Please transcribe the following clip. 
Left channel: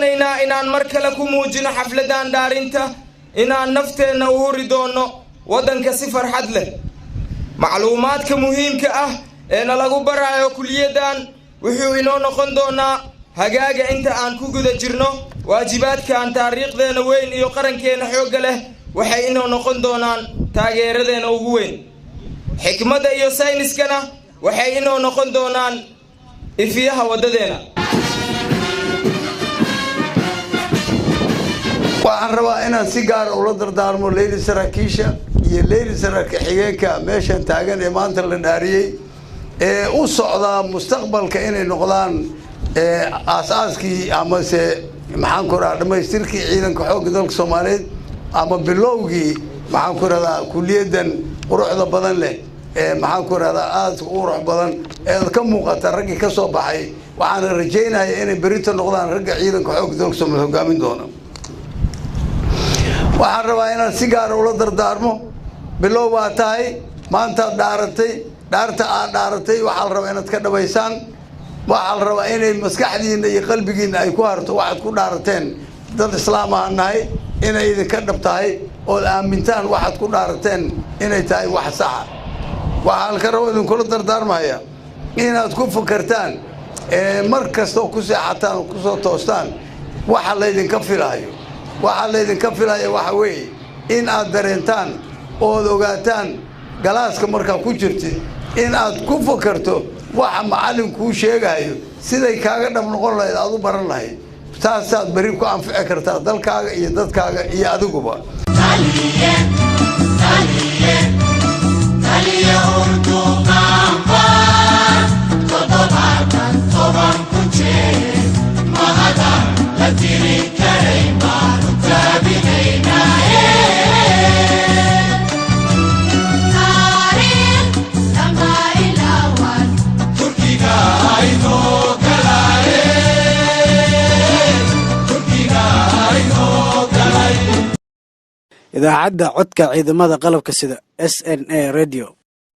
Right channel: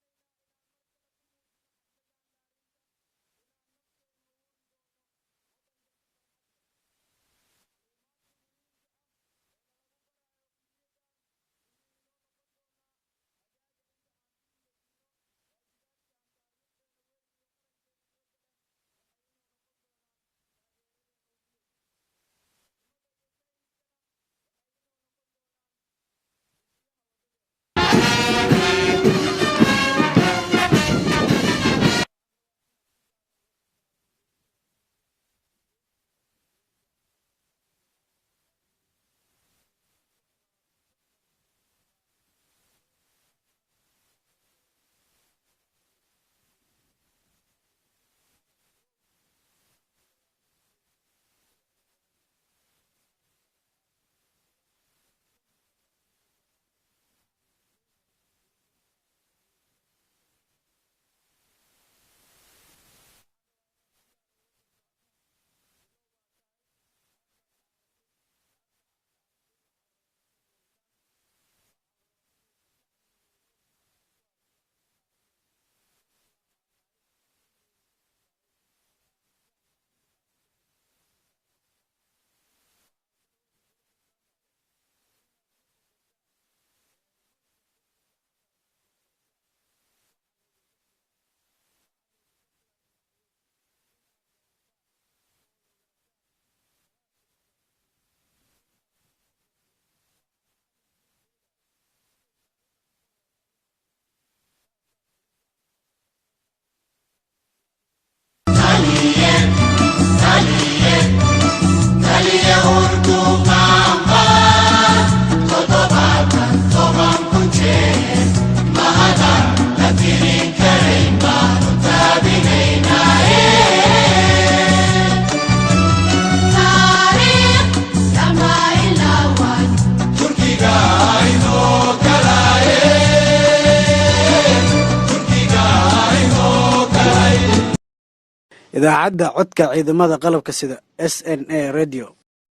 doonaynaa inaan mar kale ku muujino xafladan dhaarinta inaan nafteena u huri doono waddanka si farxad leh macluumaadka muhiimka ah ee lagu barayo kuliyadan wuxuu inoo noqon doonaa hagaaga inta aan ku guda jirno waajibaadka aan taariikhdeena weyn iyo qarankeena xoog leh waxay inoo noqon doonaan taageeradeena ugu weyn xikmadda iyo sayniskana waxay inoo noqon doonaan ifiyaha wadadeena waxaan rabaa inaan si gaar ah ula dardaarmo Leyli Saraakiisha iyo Leyli Saraakiil xigeenka meeshan taagan ee maanta la dhaariyay ee u socda mustaqbalka inay noqdaan aasaaskii ama se maxaan ku raraa dhamaystirkii ciidanka xoogga dalka Soomaaliyeed ama bilowgii maxaan ku raraa kuliyadan quruxda badan leh maxaan ku raraa aad u qurux badan ee ka muuqata ragii ka soo baxay waxaan rajaynayaa inay berito noqdaan ragga ciidanka xoogga dalka Soomaaliyeed hogaamin doona waxaan rabaa inaan si gaar ah ula dardaarmo bilow waa tahay maanta dhaaratay dhaarta aad dhaaratay waxaa la rabaa inaad ka dhabaysaan waxaa la rabaa inay maskaxdiina iyo qalbigiina ay ku harto waxaad ku dhaarateen dad islaam ah nahay inay idinka dhab tahay oo aamintaan waxaad ku dhaarateen inay tahay wax sax ah waxaan ka rabaa idinkula dardaarmaya inaad ku fakartaan mar kasta ku seexataan oo ku soo toostaan waxa la idinka filayo waxa la idinka filayo waxa weeye in aad dareentaan oo ogaataan galaaska markaa ku jirtay in aad ku fakarto waxa macallinku sheegayo siday kaaga dhab noqon lahayd aad u baran lahayd taasaad bari ku anfici kartaa dalkaaga iyo dadkaaga iyo adiguba taliye urdu qamba todobatan toban ku jeer mahada la tirin karayn baanu taabinaynaaye idaacadda codka ciidamada qalabka sida SNA radio